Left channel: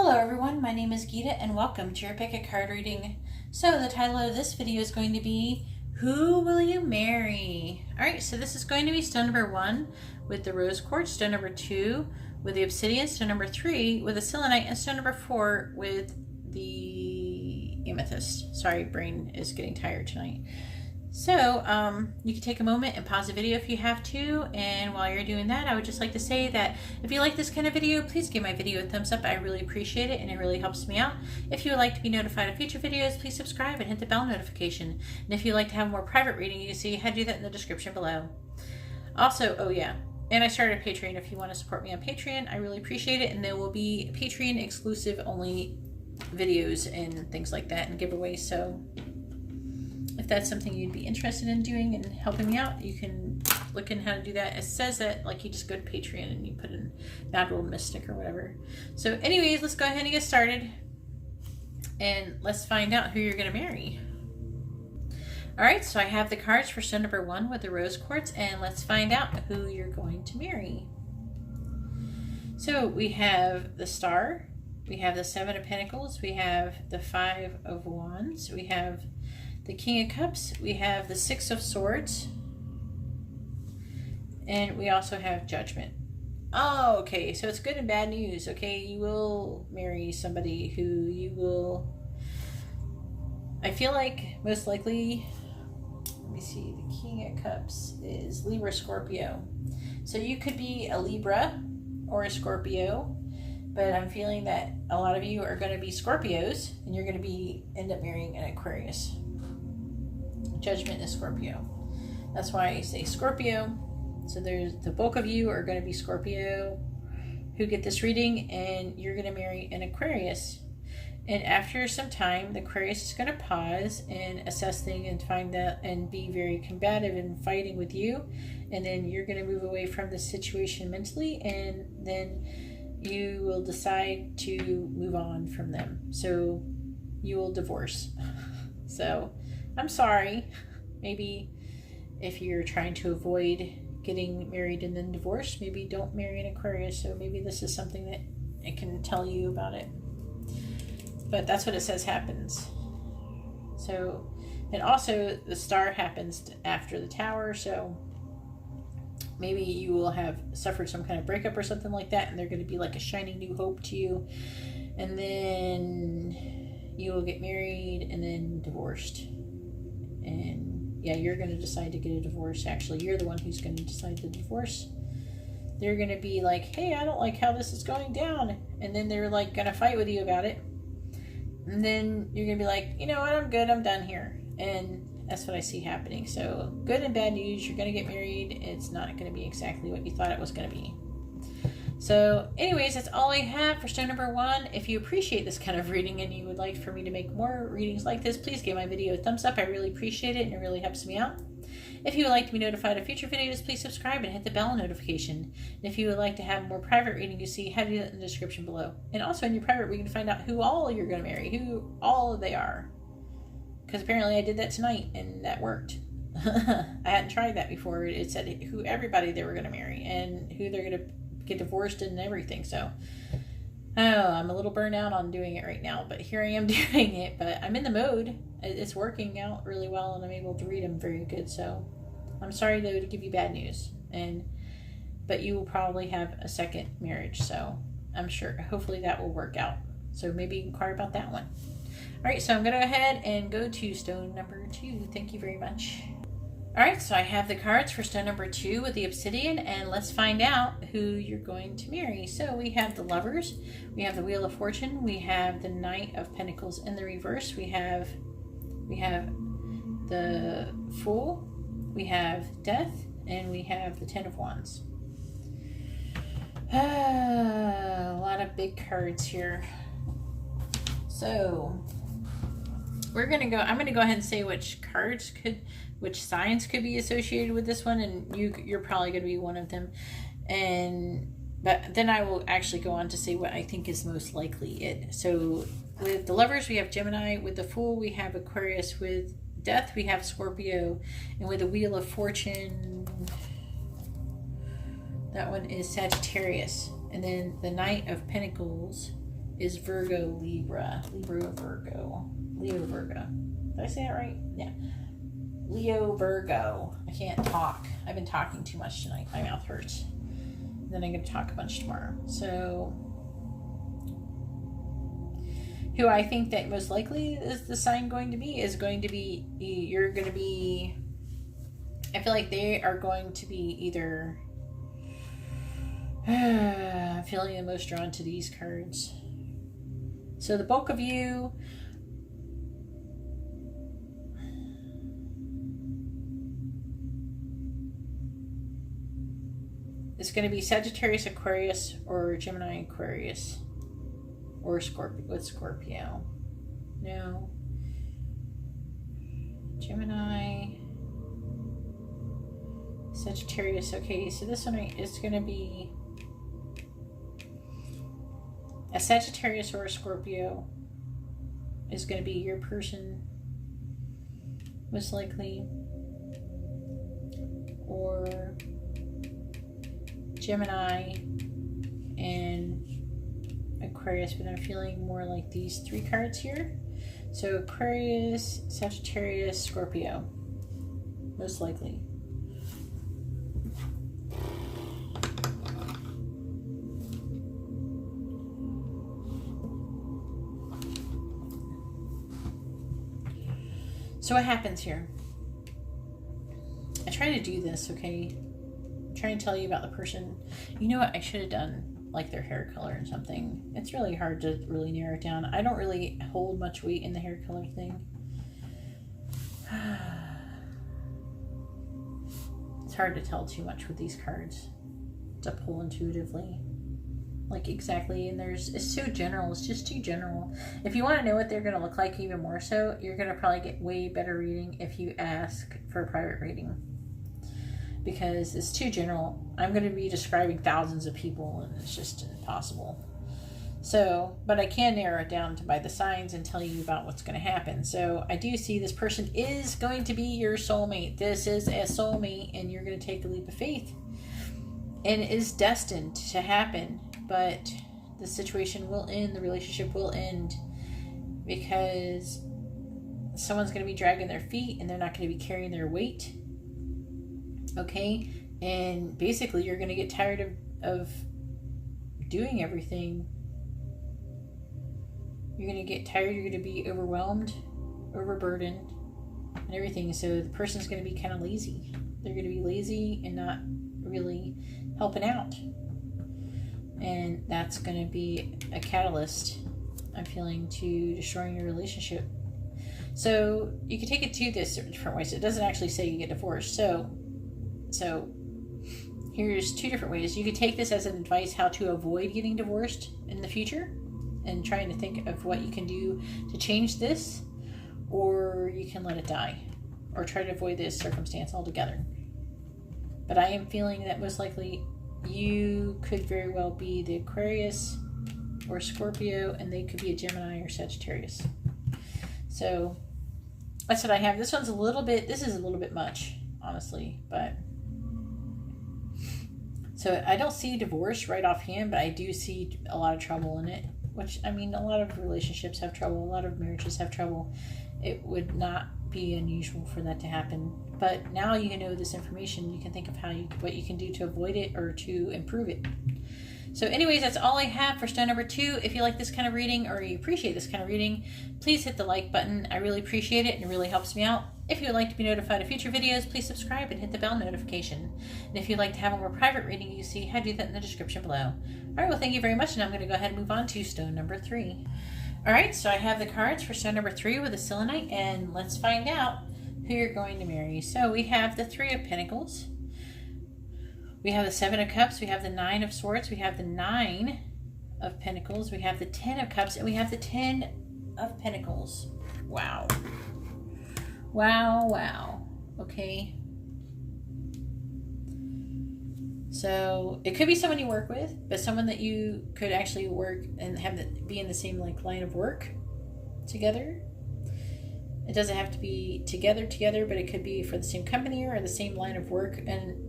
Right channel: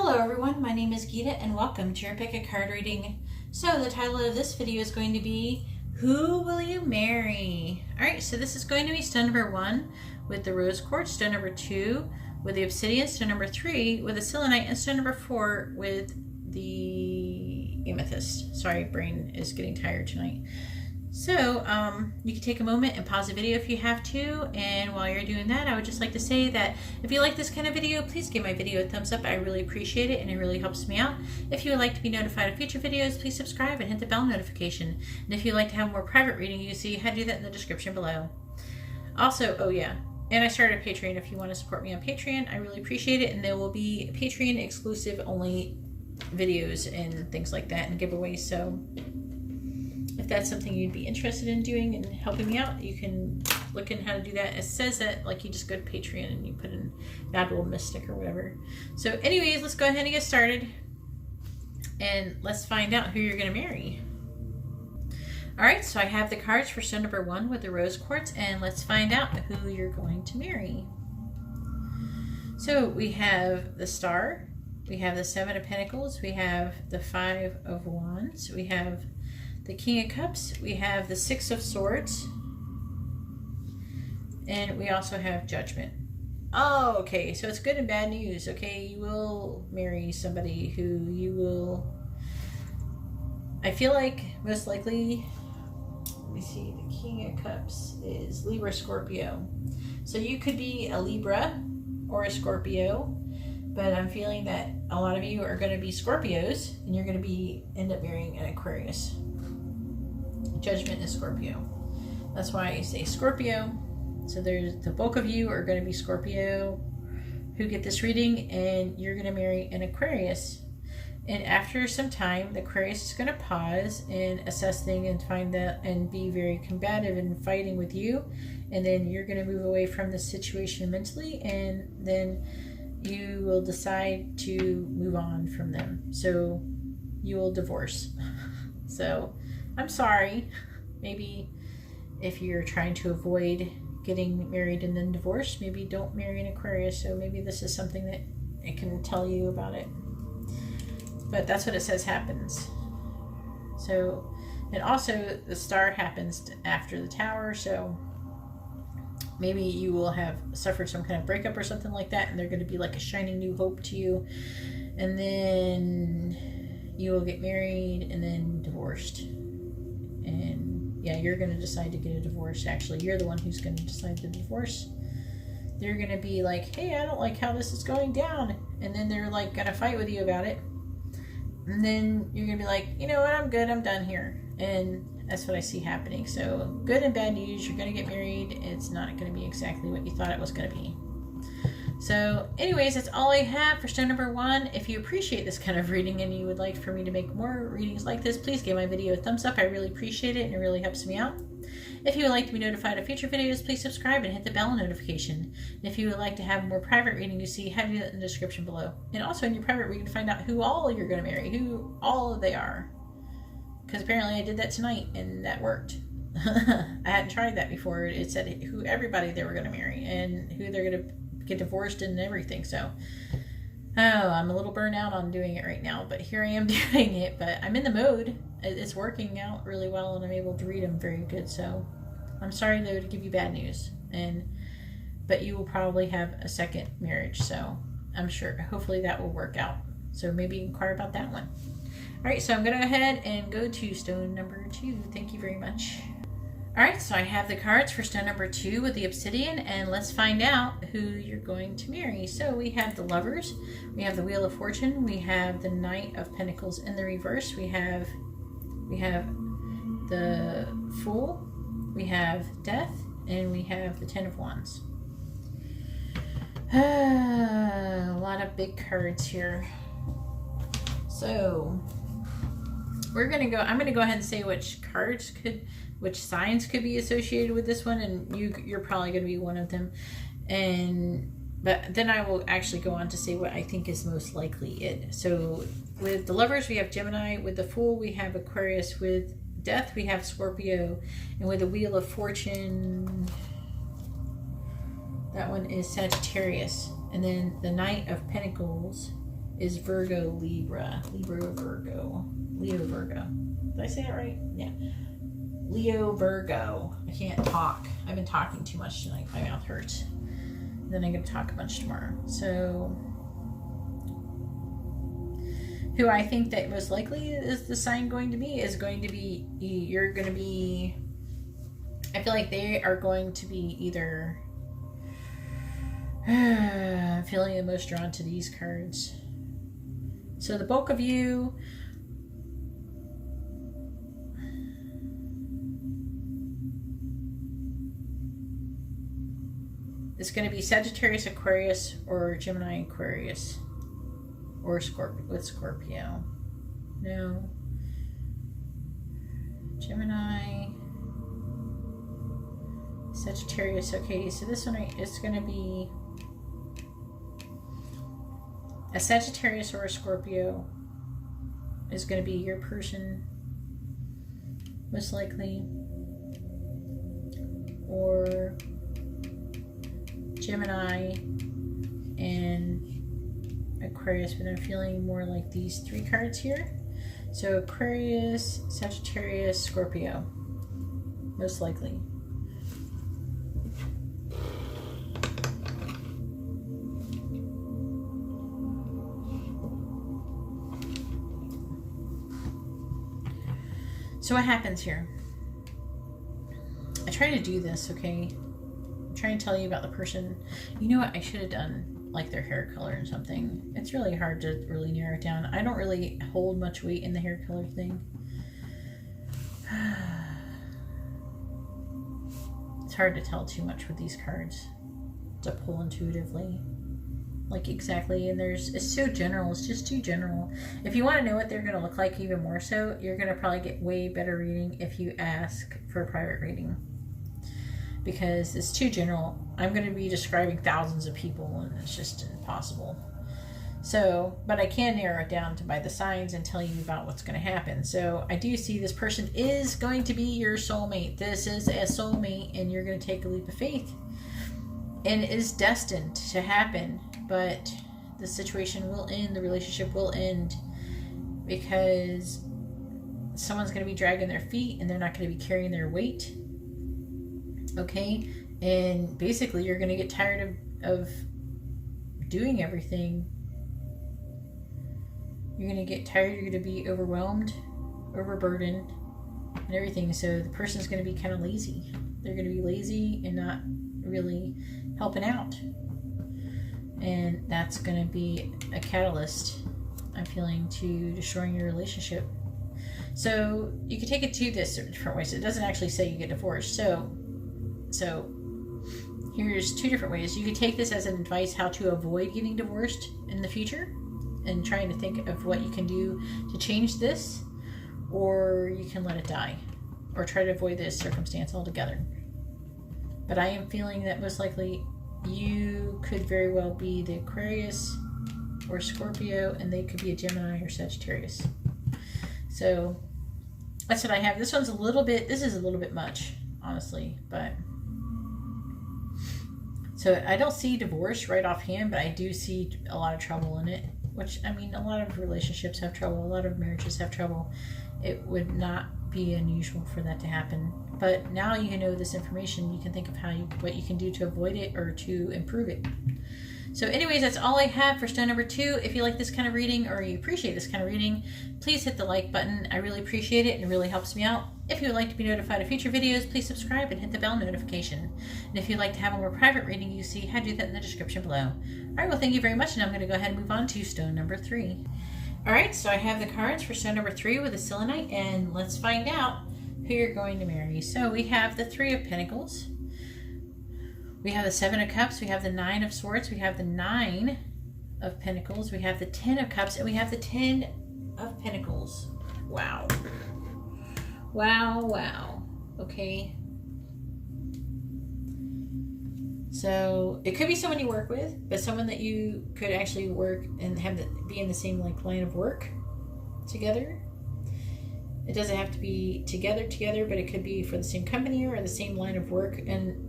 Hello everyone, my name is Geeta and welcome to your pick a card reading. So the title of this video is going to be, Who Will You Marry? Alright, so this is going to be stone number 1 with the rose quartz, stone number 2 with the obsidian, stone number 3 with the selenite, and stone number 4 with the amethyst. Sorry, brain is getting tired tonight. So you can take a moment and pause the video if you have to, and while you're doing that, I would just like to say that if you like this kind of video, please give my video a thumbs up. I really appreciate it and it really helps me out. If you would like to be notified of future videos, please subscribe and hit the bell notification. And if you'd like to have more private reading, you can see how to do that in the description below. Also, oh yeah, and I started a Patreon. If you want to support me on Patreon, I really appreciate it, and there will be Patreon exclusive only videos and things like that and giveaways. So if that's something you'd be interested in doing and helping me out, you can look in how to do that. It says that like you just go to Patreon and you put in Mad World Mystic or whatever. So anyways, let's go ahead and get started and let's find out who you're going to marry. Alright, so I have the cards for stone number 1 with the rose quartz, and let's find out who you're going to marry. So we have the Star, we have the 7 of Pentacles, we have the 5 of Wands, we have the King of Cups, we have the 6 of Swords, and we also have Judgment. Oh, okay, so it's good and bad news. Okay, you will marry somebody who you will, I feel like most likely, let me see, the King of Cups is Libra, Scorpio. So you could be a Libra or a Scorpio, but I'm feeling that a lot of you are going to be Scorpios and you're going to end up marrying an Aquarius. Judgment is Scorpio. That's why I say Scorpio. So there's the bulk of you are going to be Scorpio who get this reading, and you're going to marry an Aquarius. And after some time, the Aquarius is going to pause and assess things and find that and be very combative and fighting with you. And then you're going to move away from the situation mentally, and then you will decide to move on from them. So you will divorce. So I'm sorry. Maybe if you're trying to avoid getting married and then divorced, maybe don't marry an Aquarius. So maybe this is something that it can tell you about it. But that's what it says happens. So, and also the Star happens after the Tower. So maybe you will have suffered some kind of breakup or something like that, and they're going to be like a shining new hope to you. And then you will get married and then divorced. And yeah, you're going to decide to get a divorce. Actually, you're the one who's going to decide to divorce. They're going to be like, hey, I don't like how this is going down. And then they're like going to fight with you about it. And then you're going to be like, you know what, I'm good, I'm done here. And that's what I see happening. So good and bad news, you're going to get married. It's not going to be exactly what you thought it was going to be. So anyways, that's all I have for stone number 1. If you appreciate this kind of reading and you would like for me to make more readings like this, please give my video a thumbs up. I really appreciate it and it really helps me out. If you would like to be notified of future videos, please subscribe and hit the bell notification. And if you would like to have more private reading, you see how to do that in the description below. And also in your private reading to find out who all you're going to marry, who all they are. Because apparently I did that tonight and that worked. I hadn't tried that before. It said who everybody they were going to marry and who they're going to get divorced and everything. So I'm a little burnt out on doing it right now, but here I am doing it. But I'm in the mode. It's working out really well and I'm able to read them very good. So I'm sorry to give you bad news, but you will probably have a second marriage, so I'm sure hopefully that will work out. So maybe inquire about that one. Alright, so I'm going to go ahead and go to stone number 2. Thank you very much. Alright, so I have the cards for stone number 2 with the obsidian, and let's find out who you're going to marry. So we have the Lovers, we have the Wheel of Fortune, we have the Knight of Pentacles in the reverse, we have the Fool, we have Death, and we have the 10 of Wands. A lot of big cards here. So I'm going to go ahead and say which signs could be associated with this one, and you're probably going to be one of them. But then I will actually go on to say what I think is most likely it. So with the Lovers, we have Gemini. With the Fool, we have Aquarius. With Death, we have Scorpio. And with the Wheel of Fortune, that one is Sagittarius. And then the Knight of Pentacles is Virgo, Libra, Virgo, Leo, Virgo. Did I say that right? Yeah. Leo, Virgo. I can't talk. I've been talking too much tonight. My mouth hurts. Then I'm going to talk a bunch tomorrow. So, who I think that most likely is the sign going to be is going to be, you're going to be, I feel like they are going to be either, I'm feeling the most drawn to these cards. So the bulk of you, it's going to be Sagittarius, Aquarius, or Gemini, Aquarius, or Scorpio. What's Scorpio? No. Gemini, Sagittarius. Okay, so this one is going to be a Sagittarius or a Scorpio is going to be your person, most likely, or Gemini and Aquarius, but I'm feeling more like these three cards here. So Aquarius, Sagittarius, Scorpio, most likely. So what happens here? I try to do this, okay? I'm trying to tell you about the person. You know what? I should have done like their hair color and something. It's really hard to really narrow it down. I don't really hold much weight in the hair color thing. It's hard to tell too much with these cards to pull intuitively. Like exactly, and it's so general, it's just too general. If you want to know what they're going to look like even more so, you're going to probably get way better reading if you ask for a private reading. Because it's too general. I'm going to be describing thousands of people and it's just impossible. So, but I can narrow it down to by the signs and tell you about what's going to happen. So I do see this person is going to be your soulmate. This is a soulmate and you're going to take a leap of faith. And it is destined to happen. But the situation will end, the relationship will end because someone's going to be dragging their feet and they're not going to be carrying their weight. Okay? And basically you're going to get tired of doing everything. You're going to get tired, you're going to be overwhelmed, overburdened, and everything. So the person's going to be kind of lazy. They're going to be lazy and not really helping out. And that's going to be a catalyst, I'm feeling, to destroying your relationship. So you can take it to this different ways. It doesn't actually say you get divorced. So here's two different ways. You could take this as an advice how to avoid getting divorced in the future and trying to think of what you can do to change this, or you can let it die or try to avoid this circumstance altogether. But I am feeling that most likely you could very well be the Aquarius or Scorpio, and they could be a Gemini or Sagittarius. So that's what I have. This is a little bit much, honestly, but so I don't see divorce right offhand, but I do see a lot of trouble in it, which, I mean, a lot of relationships have trouble, a lot of marriages have trouble. It would not be unusual for that to happen. But now you know this information, you can think of what you can do to avoid it or to improve it. So anyways, that's all I have for stone number 2. If you like this kind of reading or you appreciate this kind of reading, please hit the like button. I really appreciate it and it really helps me out. If you would like to be notified of future videos, please subscribe and hit the bell notification. And if you'd like to have a more private reading, you see how to do that in the description below. All right, well, thank you very much, and I'm going to go ahead and move on to stone number 3. All right, so I have the cards for stone number 3 with a selenite, and let's find out who you're going to marry. So we have the 3 of Pentacles. We have the 7 of Cups. We have the 9 of Swords. We have the 9 of Pentacles. We have the 10 of Cups, and we have the 10 of Pentacles. Wow. Wow, wow. Okay. So it could be someone you work with, but someone that you could actually work and be in the same line of work together. It doesn't have to be together, but it could be for the same company or the same line of work.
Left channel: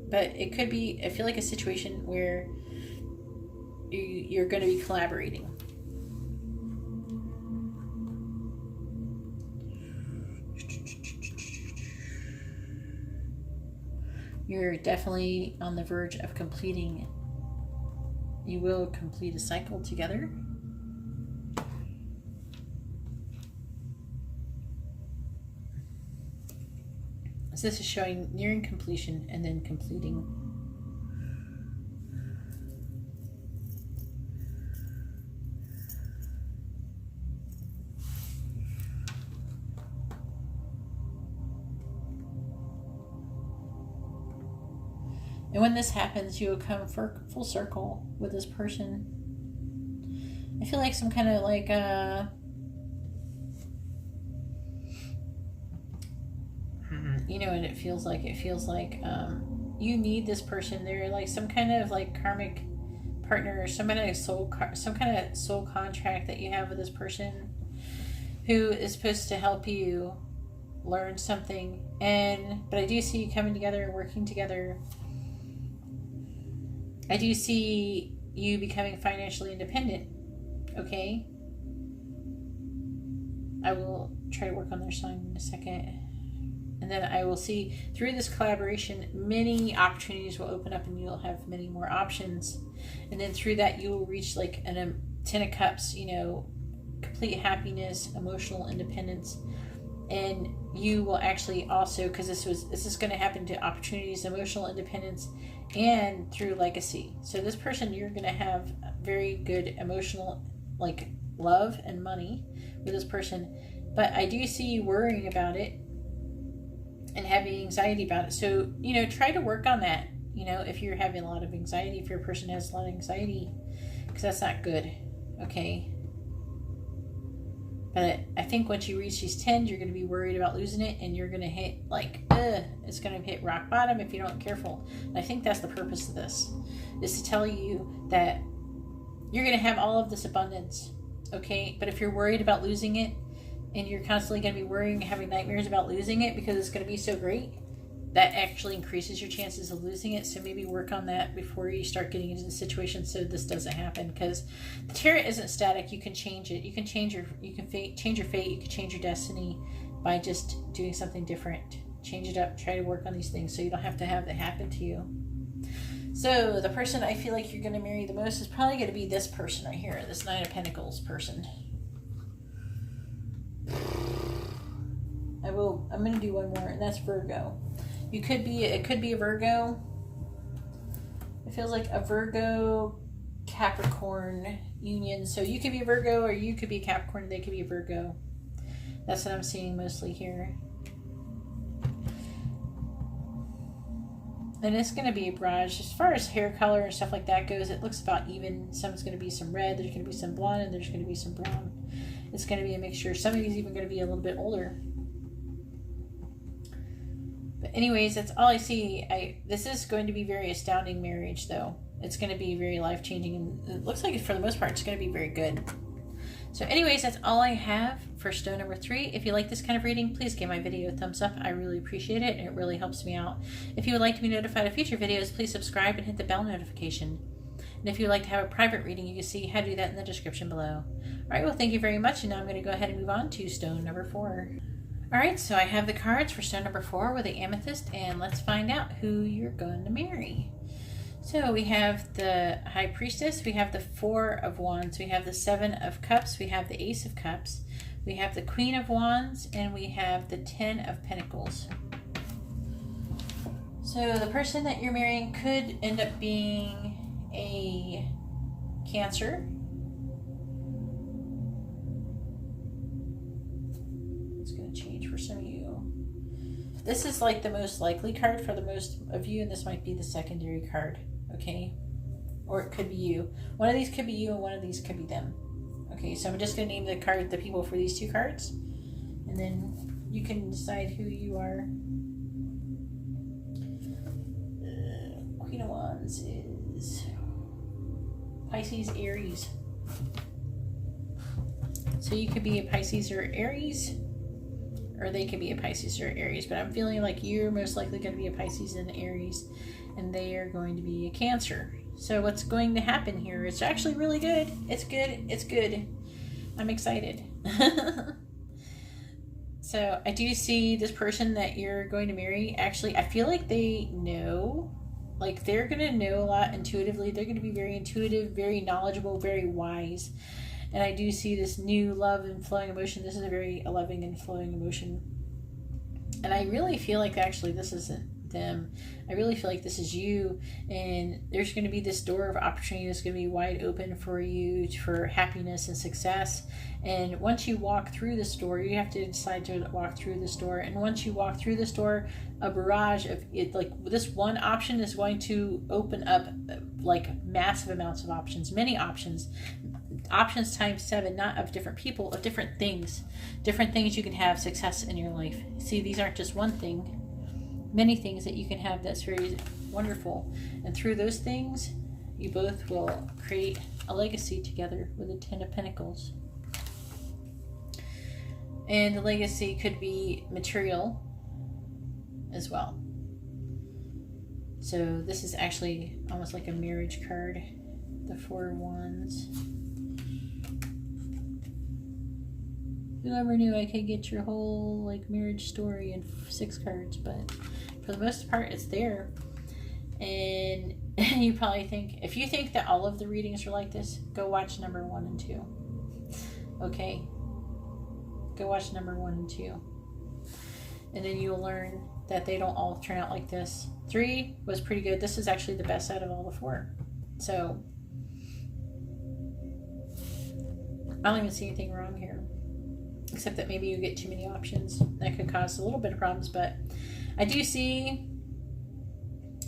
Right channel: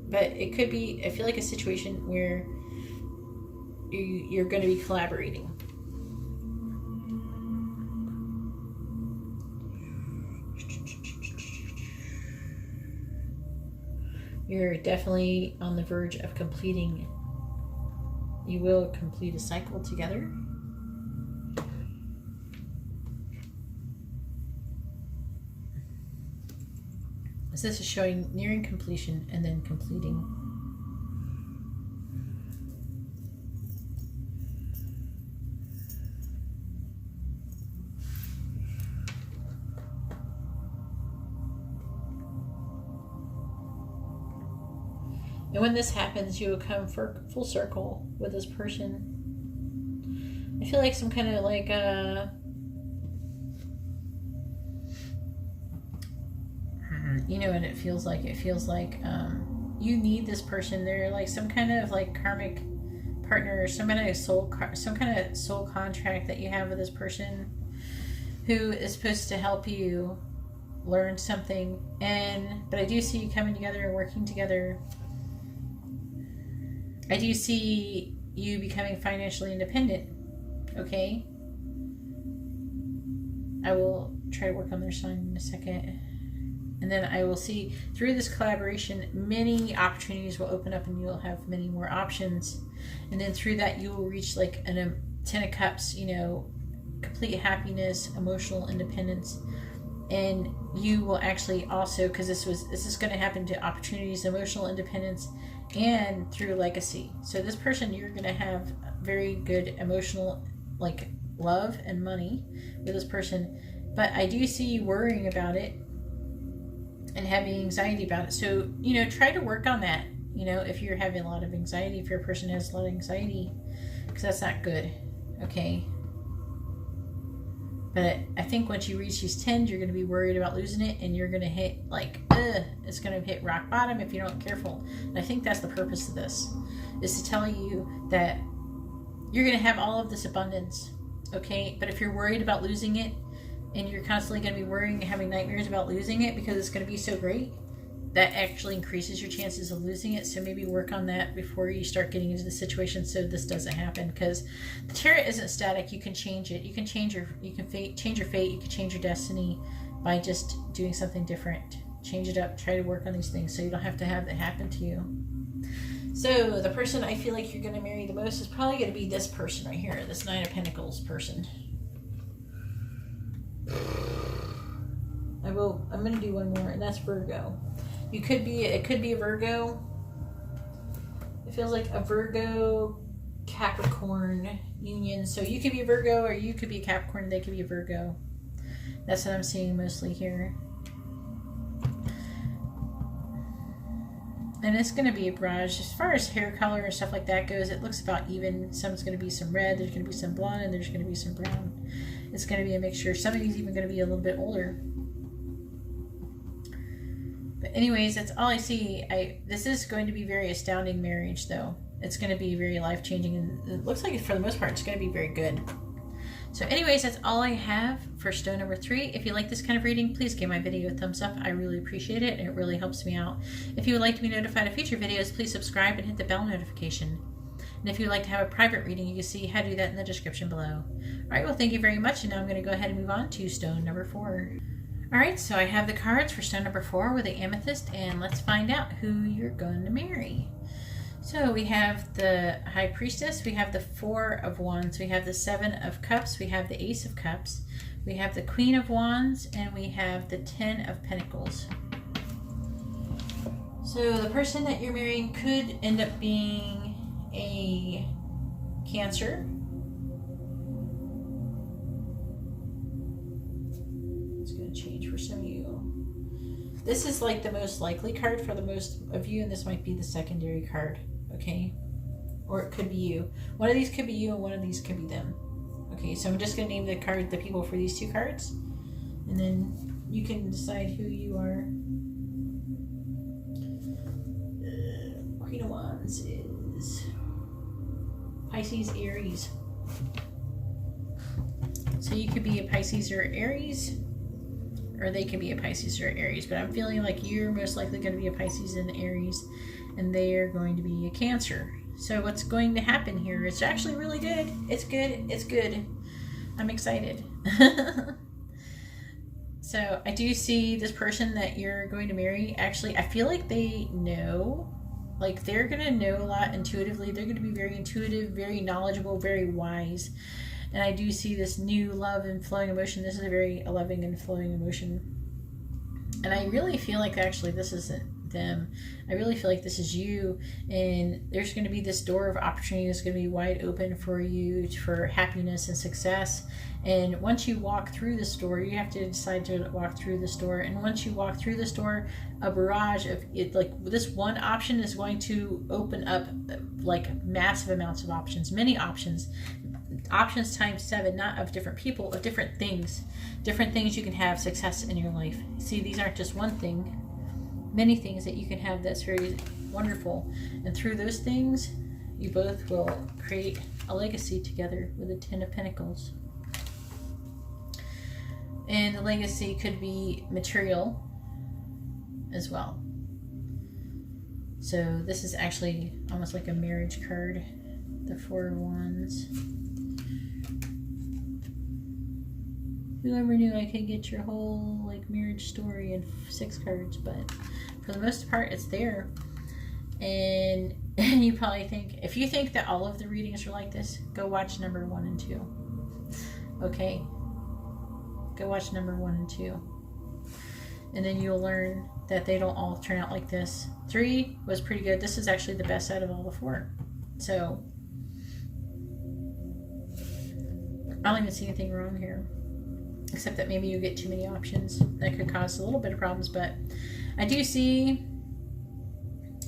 But it could be, I feel like, a situation where you're going to be collaborating. You're definitely on the verge of completing. You will complete a cycle together. So this is showing nearing completion and then completing. And when this happens, you will come for full circle with this person. I feel like some kind of like you know what it feels like? It feels like you need this person. They're like some kind of like karmic partner, some kind of soul contract that you have with this person who is supposed to help you learn something. But I do see you coming together and working together. I do see you becoming financially independent. Okay? I will try to work on their sign in a second. And then I will see through this collaboration, many opportunities will open up and you'll have many more options. And then through that, you will reach like a 10 of Cups, you know, complete happiness, emotional independence. And you will actually also, because this is going to happen to opportunities, emotional independence, and through legacy. So this person, you're going to have very good emotional, like love and money with this person. But I do see you worrying about it and having anxiety about it. So, you know, try to work on that. You know, if you're having a lot of anxiety, if your person has a lot of anxiety, because that's not good. Okay. But I think once you reach these 10s, you're going to be worried about losing it, and you're going to hit like, it's going to hit rock bottom if you're not careful. And I think that's the purpose of this, is to tell you that you're going to have all of this abundance. Okay. But if you're worried about losing it, and you're constantly going to be worrying, having nightmares about losing it because it's going to be so great, that actually increases your chances of losing it. So maybe work on that before you start getting into the situation so this doesn't happen. Because the tarot isn't static. You can change it. You can change your fate. You can change your destiny by just doing something different. Change it up. Try to work on these things so you don't have to have that happen to you. So the person I feel like you're going to marry the most is probably going to be this person right here, this 9 of Pentacles person. I'm going to do one more, and that's Virgo. It could be a Virgo. It feels like a Virgo Capricorn union. So you could be a Virgo, or you could be a Capricorn. They could be a Virgo. That's what I'm seeing mostly here. And it's going to be a barrage. As far as hair color and stuff like that goes, it looks about even. Some's going to be some red, there's going to be some blonde, and there's going to be some brown. It's going to be a mixture. Somebody's even going to be a little bit older. But anyways, that's all I see. This is going to be very astounding marriage, though. It's going to be very life-changing, and it looks like for the most part, it's going to be very good. So anyways, that's all I have for stone number 3. If you like this kind of reading, please give my video a thumbs up. I really appreciate it, and it really helps me out. If you would like to be notified of future videos, please subscribe and hit the bell notification. And if you would like to have a private reading, you can see how to do that in the description below. Alright, well, thank you very much, and now I'm going to go ahead and move on to stone number 4. Alright, so I have the cards for stone number 4 with the amethyst, and let's find out who you're going to marry. So we have the High Priestess, we have the 4 of Wands, we have the 7 of Cups, we have the Ace of Cups, we have the Queen of Wands, and we have the 10 of Pentacles. So the person that you're marrying could end up being a Cancer. It's going to change for some of you. This is like the most likely card for the most of you, and this might be the secondary card, okay? Or it could be you. One of these could be you, and one of these could be them. Okay, so I'm just going to name the people for these 2 cards, and then you can decide who you are. Queen of Wands is Pisces, Aries. So you could be a Pisces or Aries, or they could be a Pisces or Aries, but I'm feeling like you're most likely going to be a Pisces and Aries, and they are going to be a Cancer. So what's going to happen here? It's actually really good. It's good. It's good. I'm excited. So I do see this person that you're going to marry. Actually, I feel like they know, like they're going to know a lot intuitively. They're going to be very intuitive, very knowledgeable, very wise. And I do see this new love and flowing emotion. This is a very loving and flowing emotion. And I really feel like actually this isn't them. I really feel like this is you. And there's going to be this door of opportunity that's going to be wide open for you for happiness and success. And once you walk through this door, you have to decide to walk through this door. And once you walk through this door, a barrage of it, like this one option is going to open up like massive amounts of options, many options times 7, not of different people, of different things you can have success in your life. See, these aren't just one thing, many things that you can have that's very wonderful. And through those things, you both will create a legacy together with the 10 of Pentacles. And the legacy could be material as well. So this is actually almost like a marriage card, the 4 of Wands. Whoever knew I could get your whole like marriage story in 6 cards, but for the most part it's there. And you probably think, if you think that all of the readings are like this, go watch number 1 and 2. Okay? Go watch number 1 and 2. And then you'll learn that they don't all turn out like this. 3 was pretty good. This is actually the best out of all the 4. So I don't even see anything wrong here, except that maybe you get too many options. That could cause a little bit of problems, but I do see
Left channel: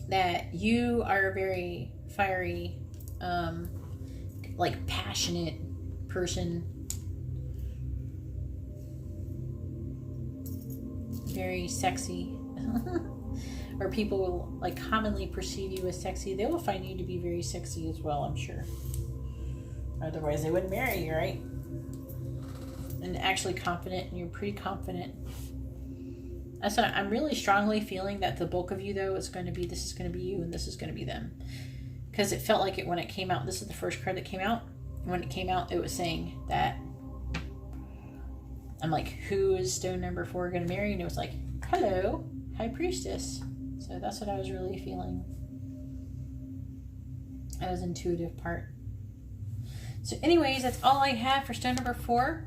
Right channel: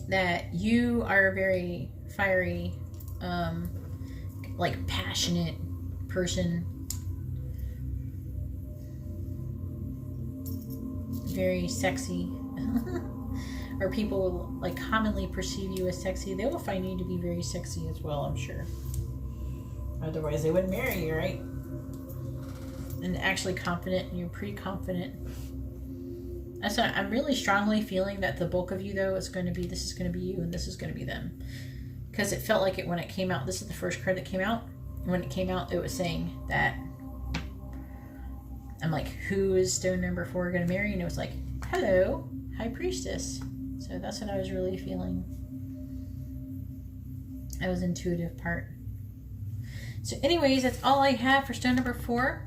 that you are a very fiery, like passionate person. Very sexy. Or people will like commonly perceive you as sexy. They will find you to be very sexy as well, I'm sure. Otherwise they wouldn't marry you, right? And actually confident, and you're pretty confident. That's what I'm really strongly feeling, that the bulk of you though is going to be, this is going to be you and this is going to be them. Because it felt like it when it came out. This is the first card that came out. And when it came out, it was saying that, I'm like, who is stone number 4 going to marry? And it was like, hello, High Priestess. So that's what I was really feeling. That was intuitive part. So anyways, that's all I have for stone number 4.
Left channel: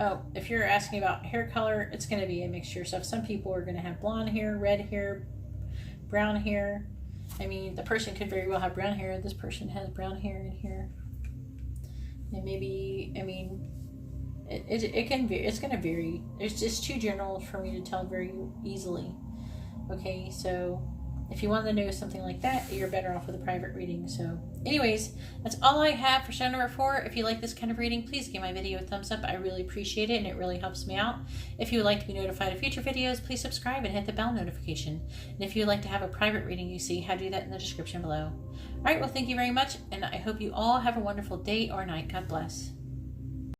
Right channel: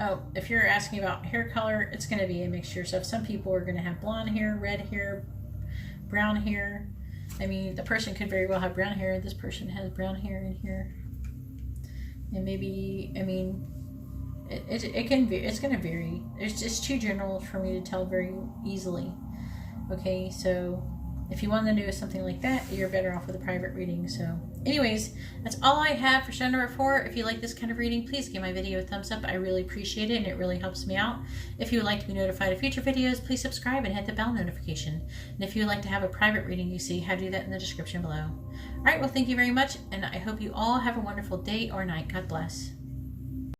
Oh, if you're asking about hair color, it's going to be a mixture. So some people are going to have blonde hair, red hair, brown hair. I mean, the person could very well have brown hair. This person has brown hair in here. And maybe, I mean, it can vary. It's going to vary. It's just too general for me to tell very easily. Okay, so if you want to know something like that, you're better off with a private reading. So anyways, that's all I have for stone number 4. If you like this kind of reading, please give my video a thumbs up. I really appreciate it, and it really helps me out. If you would like to be notified of future videos, please subscribe and hit the bell notification. And if you would like to have a private reading, you see how to do that in the description below. All right, well, thank you very much, and I hope you all have a wonderful day or night. God bless.